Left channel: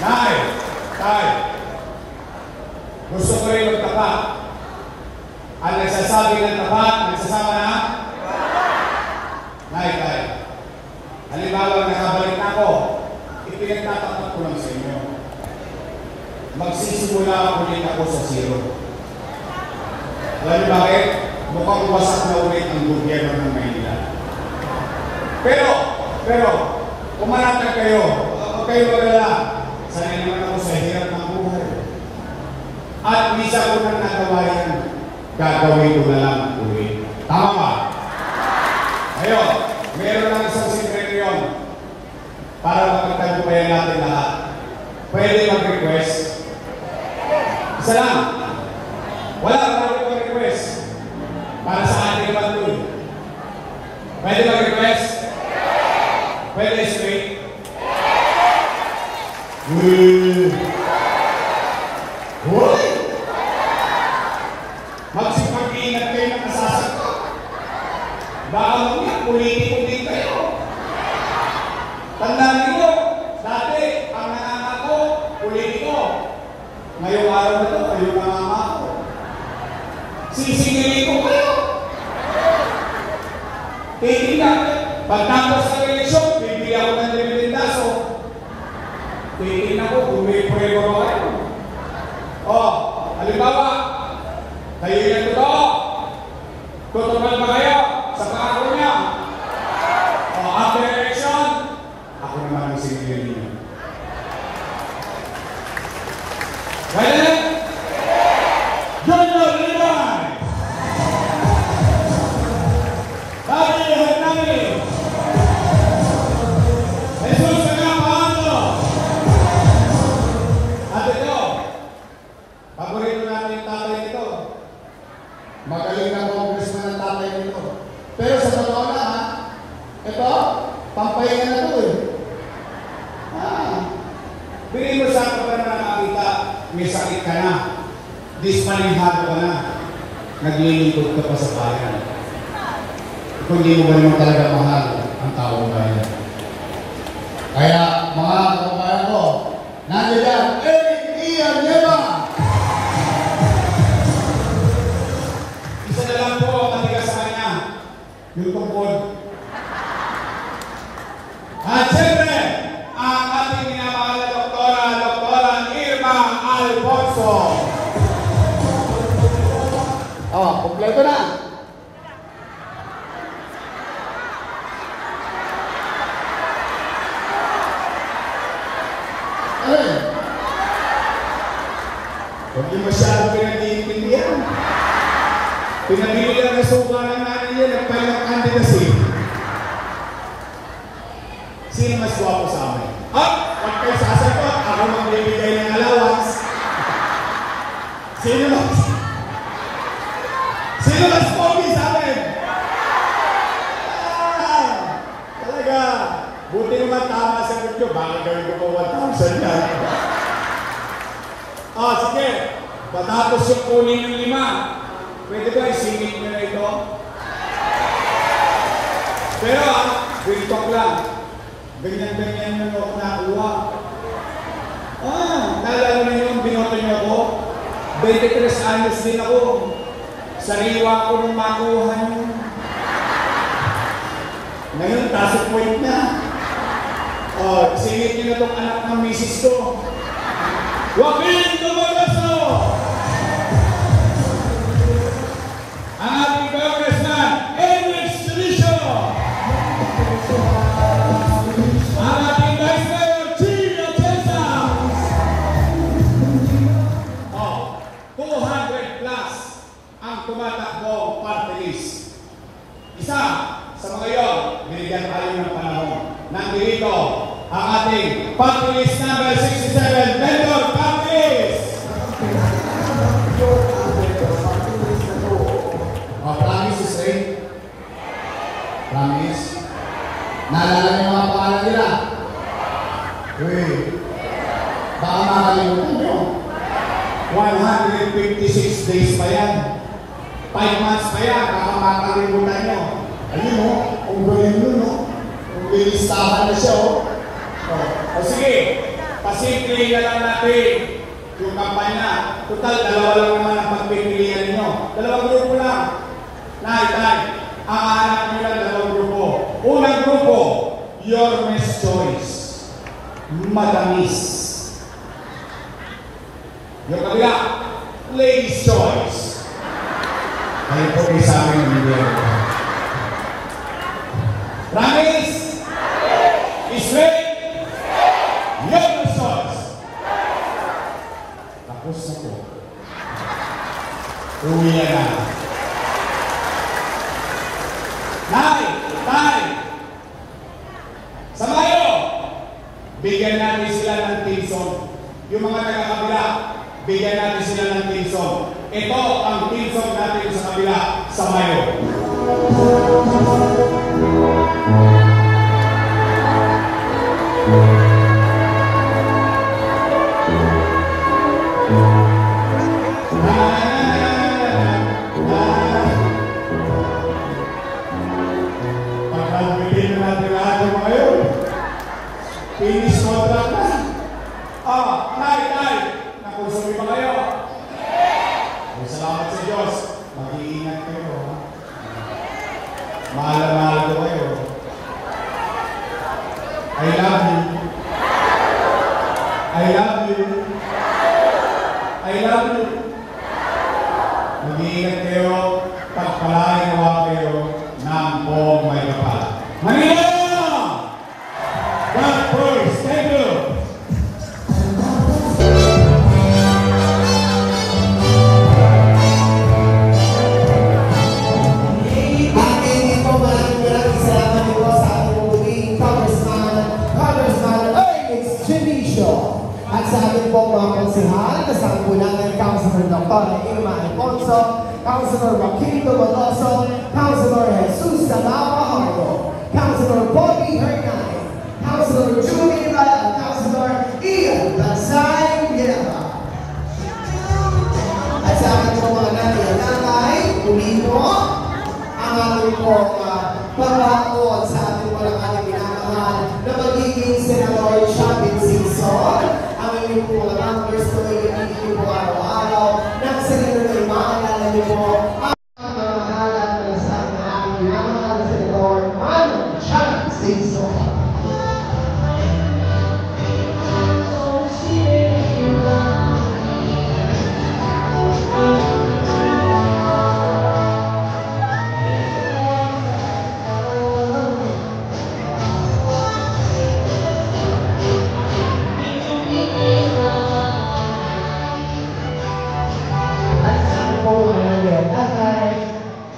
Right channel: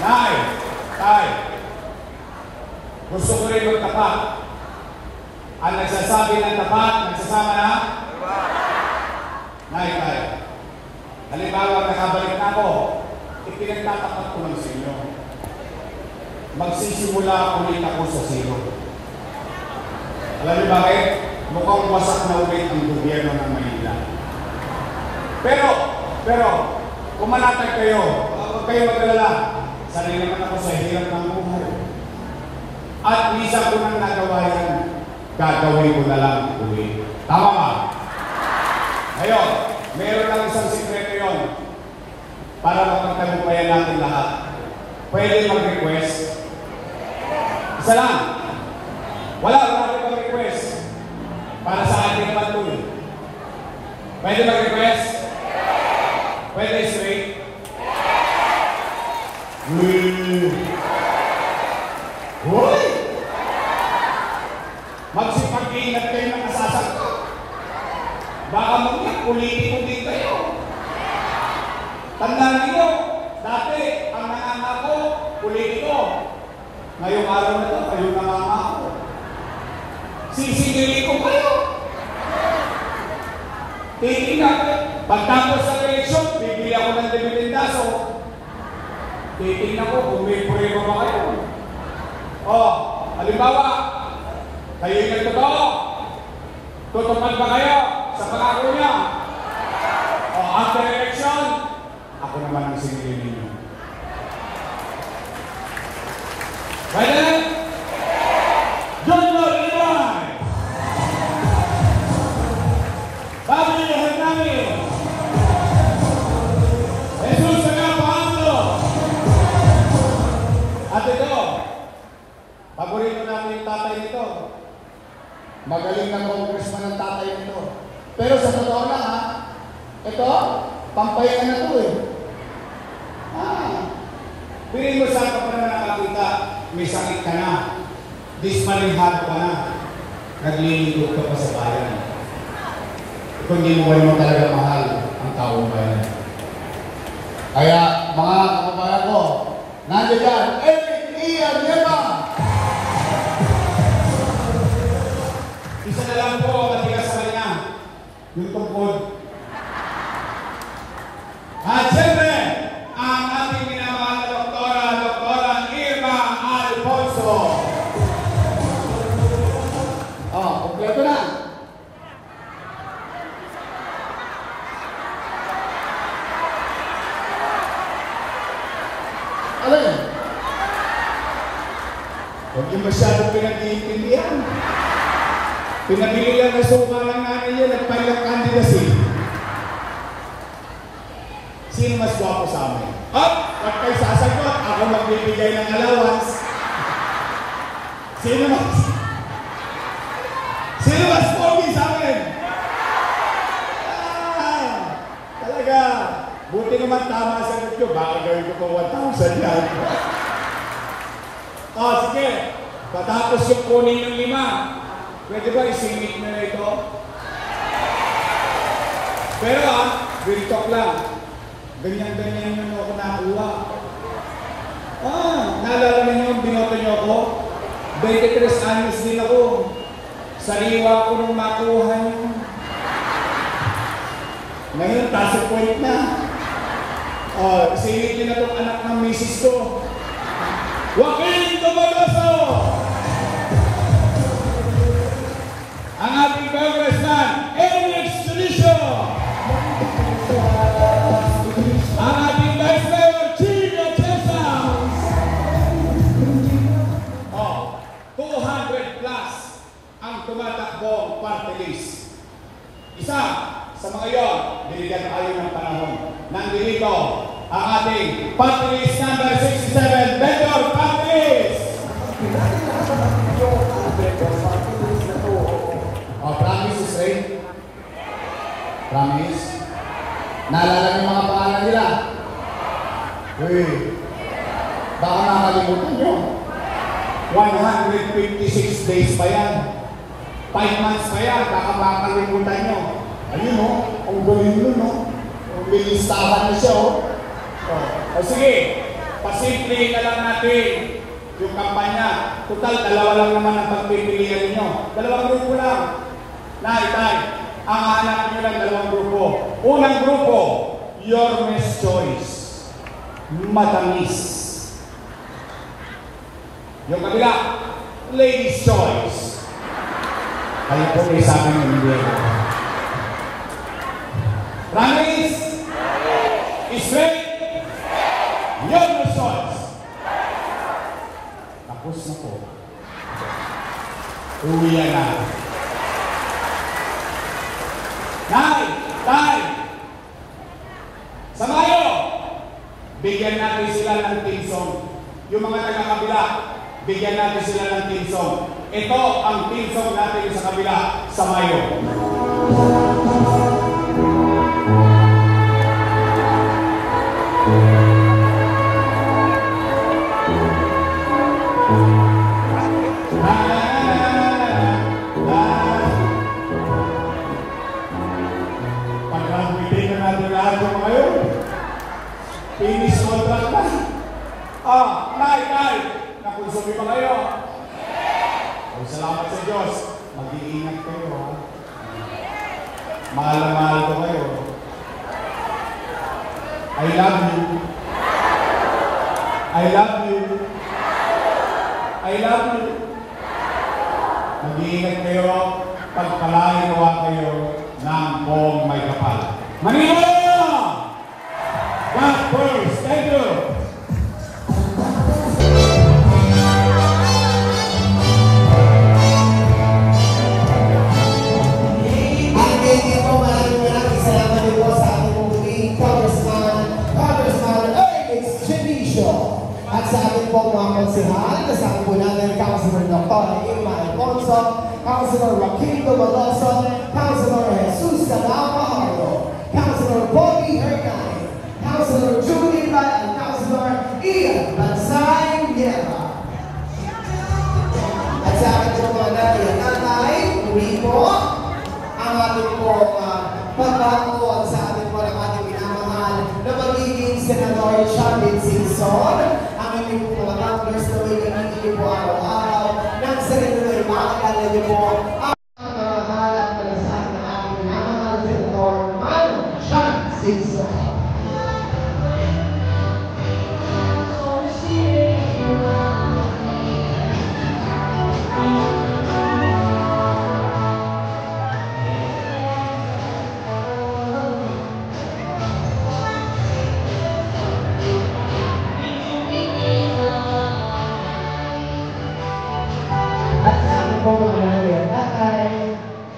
Nay, tay, gusto ko rin magtapat. Ang nagsasabi ng tapat, nagsasama na? Nay, tay, halimbawa nakabalik na ako, ipinagtatapat ko lang sa inyo. Magsisimula ulit ako sa zero. Alam niyo bakit? Mukhang wasak na ulit ang gobyerno ng Manila. Pero, kumanatag kayo, huwag kayo mag-alala. Sanay naman ako sa hirap ng buhay. At misa ko nang nagawa yan, gagawin ko na lang ulit. Tama ba? Ayun, meron lang isang sikreto yun para makagtagumpayan natin lahat. Pwede mag-request. Isa lang. Wala ka mag-request. Para sa ating patuloy. Pwede mag-request? Pwede straight? Hoy! Magsipag-iingat kayo ng kasasagot. Baka mag-politiko din kayo. Tandaan nyo, dati, ang nangangako, politiko. Ngayong araw na ito, kayo nangangako. Sisingilin ko kayo. Tingnan, pagtapos ng eleksyon, bibili ako ng dividendaso. Tingnan ko kung may prueba ba kayo. Halimbawa, kayo yung totoo. Tutupad ba kayo sa pangako niya? After election, ako naman ang singilin niyo. Well, Junior Illinois! Sabi niyo sa namin, Jesus Tagapaano! At ito, paborito natin yung tatay nito. Magaling na congressman ng tatay nito. Pero sa totoo na, ito, pampahinga na ito eh. Pili mo sa ako pa na nakakita, may sakit ka na, dispanihado ka na, naglilingkod ka pa sa bayan. Kung hindi mo naman talaga mahal ang taong bayan. Kaya, mga kababayan ko, nandiyan yan, Eric Ian Yema! Isa na lang po ang matigas sa kanya, yung tungkod. At siyempre, ang ating minamahal na Doktora Irma Alfonso. Kompleto na. Alin? Huwag yung masyadong pinag-iintindihan. Pinabili lang na suka ng nanay niya, nagpalang candidacy. Sino mas guwapo sa amin? Huwag kayo sasagot. Ako magbibigay ng allowance. Sino mas pogi sa amin? Talaga. Buti naman tama sa sagot nyo. Baka gawin ko po 1,000 yan. Sige. Patapos yung kunin yung 5. Pwede ba isingit nyo na ito? Pero real talk lang. Ganyan-ganyan yung ako nakuha. Naalala ninyo yung binoto nyo ako? 23 anyos din ako. Sariwa ko nung makuha nyo. Ngayon, tasok point na. Isingit nyo na itong anak ng misis ko. Joaquin Tumalaso! Ang ating congressman, Eric Strisho! Ang ating Vice Mayor, Chino Chesa! 200 plus ang tumatakbong party list. Isa sa mga yon, binigyan tayo ng panahon. Nandito ang ating party list number 67, Mayor Campis! Promise is right? Promise? Naalala niyo mga pangalan nila? Baka makalimutan nyo. 156 days pa yan. 5 months pa yan. Baka makalimutan nyo. Ayun o. Kung galing nun o. Kung bilistahan na siya o. Sige. Pasimplihin na lang natin yung kampanya. Total, dalawa lang naman ang pagpipilian ninyo. Dalawang grupo lang. Nay, ang anak nyo lang dalawang grupo. Unang grupo, your best choice. Matamis. Yung kabila, ladies' choice. Kaya po kayo sa akin yung hindi. Promise? Straight? Your choice. Tapos na po. Uwi na. Nay! Sa Mayo, bigyan natin sila ng team song. Yung mga taga-kabila, bigyan natin sila ng team song. Ito ang team song natin sa kabila, sa Mayo. Finish contract na. Nay, nakonsume ba kayo? Ay, salamat sa Diyos. Mag-iingat kayo. Mahal ko kayo. I love you. I love you. I love you. Mag-iingat kayo. Pagpalain kayo ng buong may kapal. Manila! God first. Thank you. Pagkakot sa ating mga ating minamahal na magiging Senator Champion Season. Ang inyong po mga numbers ko ay hindi po araw-araw. Nang sarili ko ay makakilala niyo po ang mga halat para sa ating minamahal Senator Champion Season.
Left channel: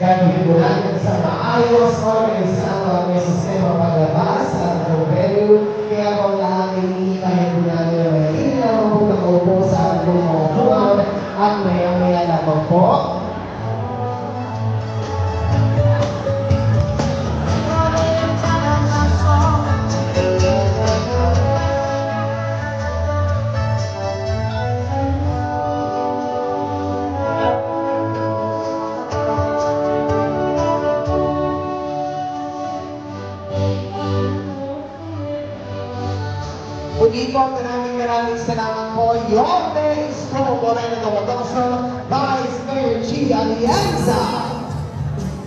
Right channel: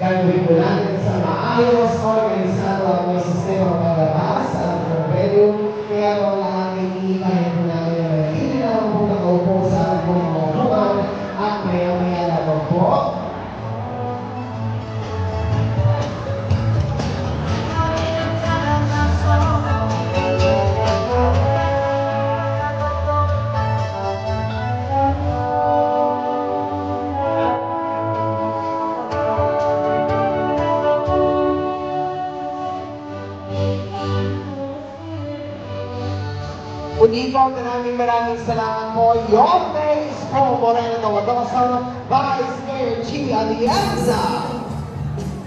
Gagawin po natin sa maayos, organisado ang mga sistema palabas sa ating venue. Kaya po lahat ay iipahin po natin na mahigit na mga po nakaupo sa ating mga bukod at maya-maya lamang po. Muli po, maraming salamat po. Your praise po po rin na Tawadoso, Vice Mayor G. Alianza.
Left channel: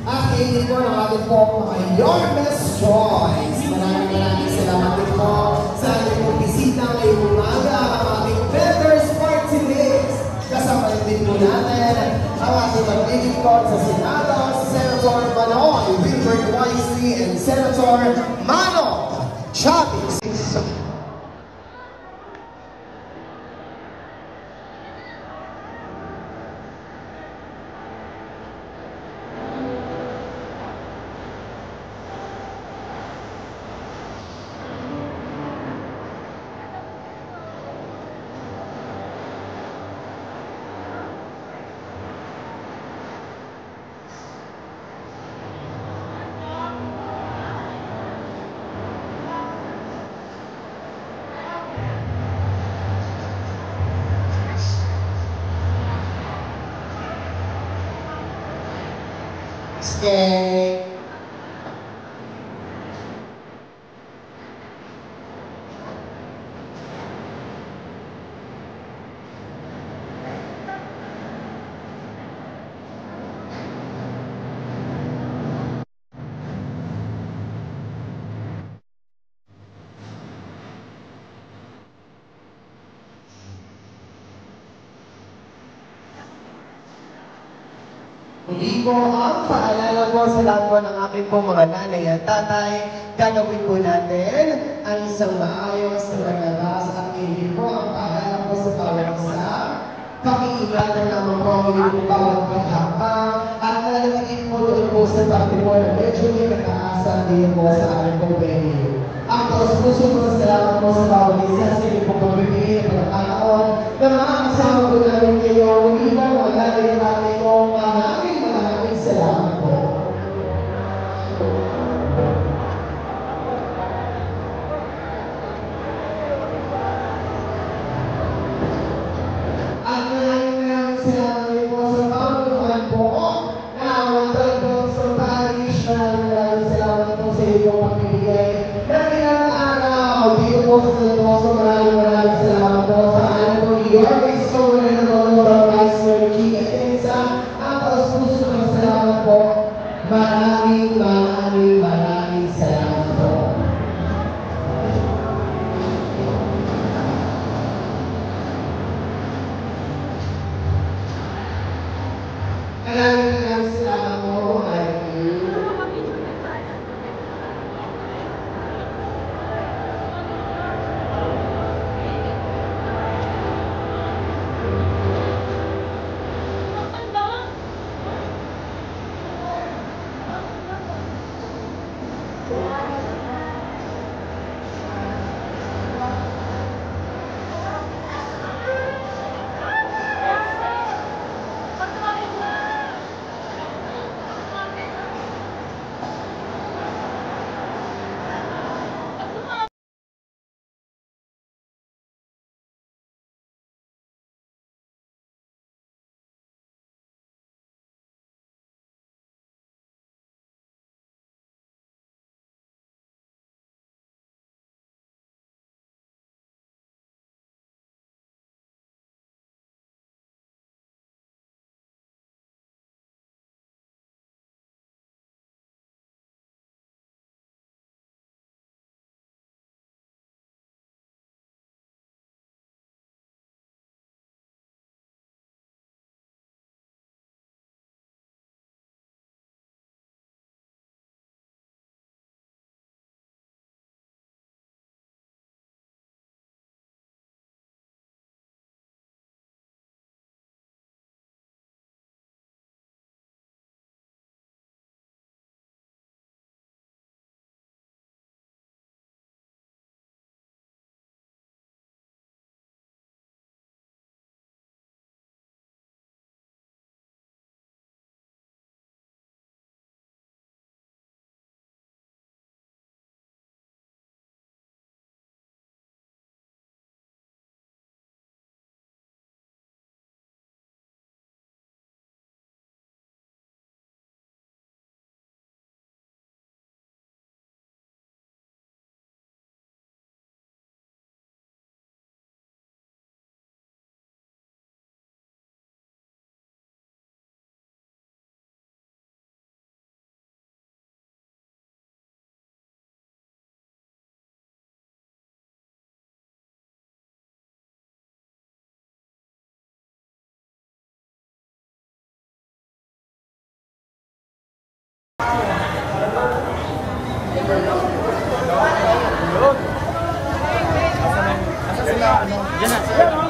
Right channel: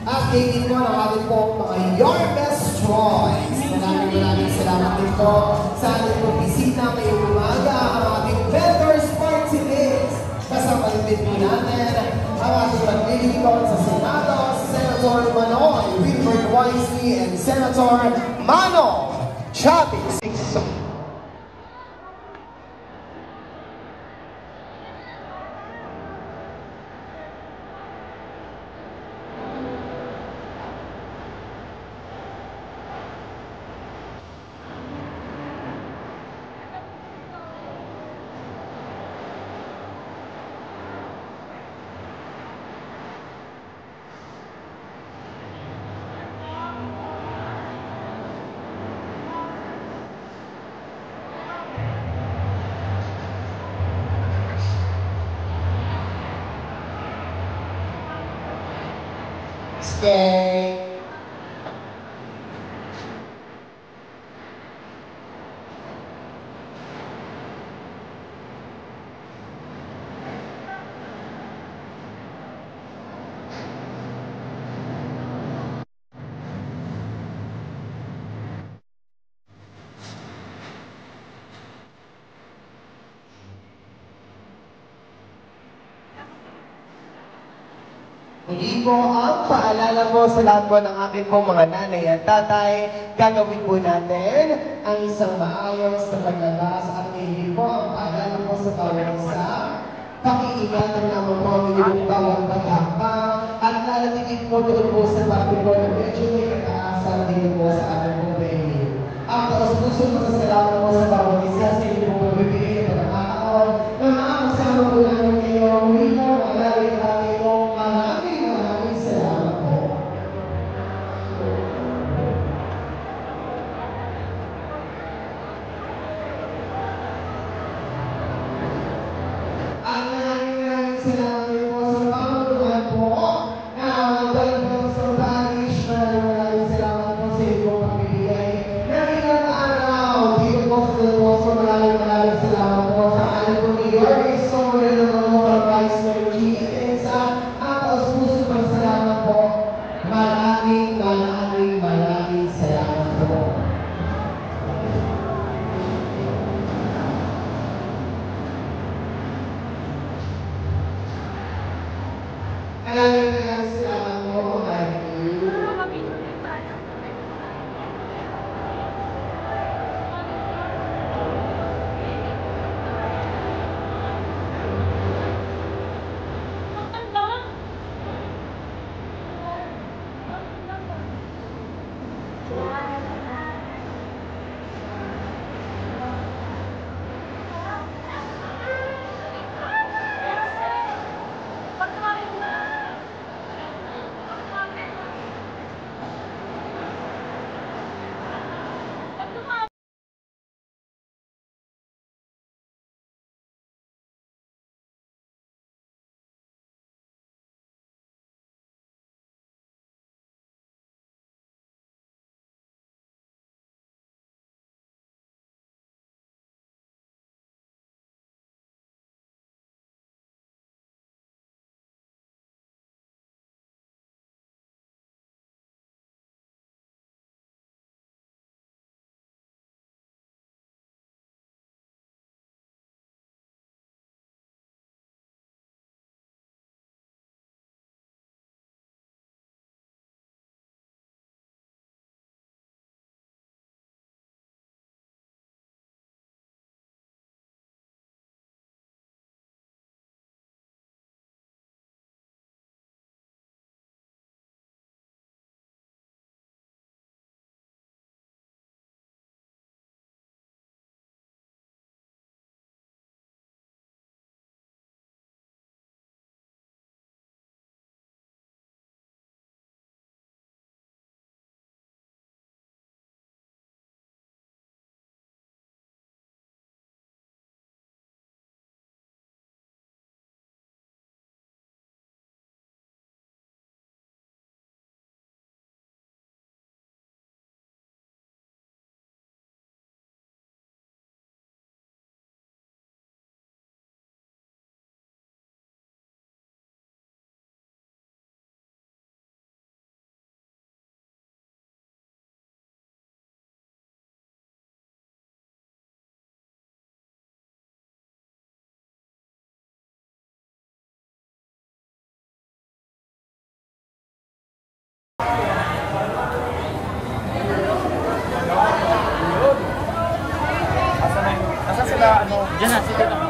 Aking po natin po ay Your Best Choice. Maraming salamat din po sa ating po bisita ngayong umaga, ang ating Vendors Party List. Kasama din po natin ang ating naglilingkod sa Senado, si Senator Bono, Wilbert Wisely, and Senator Mano Chavez. Stay. Muli po ang paalala po sa lahat po ng aking po mga nanay at tatay, gagawin po natin ang isang maayos na paglalas at hindi po ang paalala po sa bawat isa. Pakiingatan naman po ang inyong bawat paghakbang at lalagin po doon po sa pati po na medyo may kataasan din po sa aking po venue. Ang taos-puso po sa salamat po sa bawat isa sa inyong po pagbibigay na pagkakataon na makakasama po namin ngayong libo wala rin natin po maraming salamat po. Maraming salamat po sa pagtulungan po na doon po sa parish. Maraming salamat po sa inyong pagbibigay ng ilang araw dito po sa Taloso. Maraming salamat po sa alam po ni Yorme Soler na Dolora Vice Mayor Chica Tensa. Ang taos-puso po salamat po. Maraming salamat po. Maraming salamat po, Mikey. Asa sila, ano?